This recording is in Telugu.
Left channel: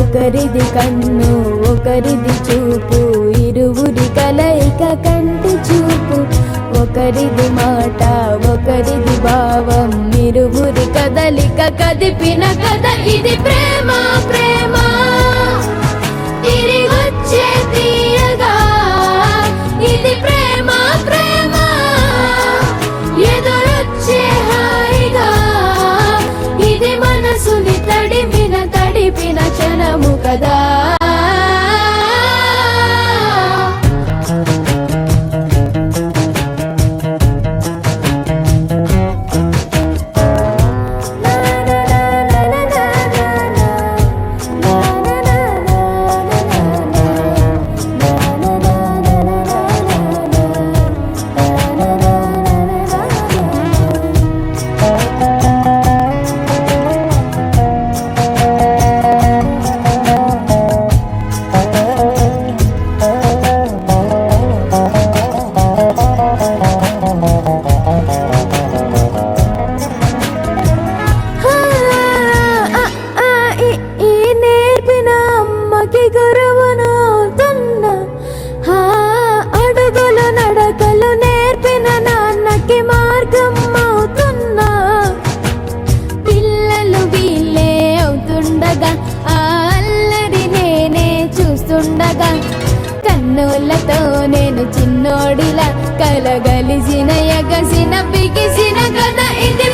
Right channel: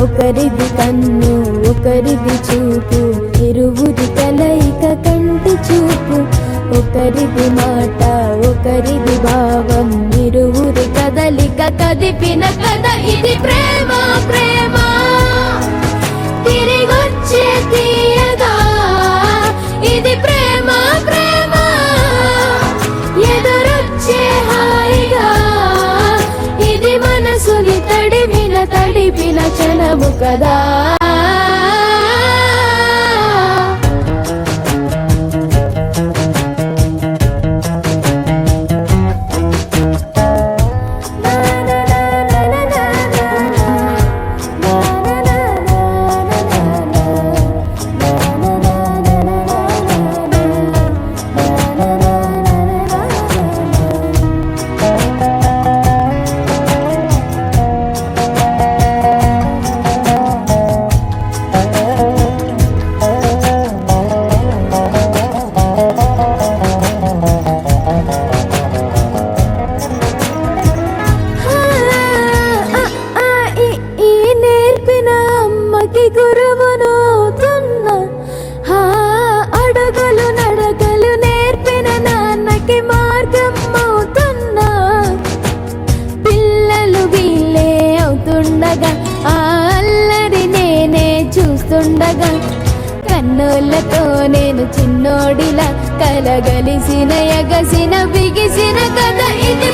ఒకరిది కన్ను ఒకరిది చూపు, ఇరువురి కలయిక కంటి చూపు. ఒకరిది మాట ఒకరిది భావం, ఇరువురి కదలిక కదిపిన కథ ఇది ప్రేమ. ప్రేమ తిరిగొచ్చే తీయగా ఇది ప్రేమ. ప్రేమ ఎదురొచ్చే హాయిగా ఇది మనసుని తడిపిన క్షణము కదా. అల్లరి నేనే చూస్తుండగా కన్నులతో నేను చిన్నోడిలా కలగలిసిన ఎగసిన బిగిసిన కథ ఇది.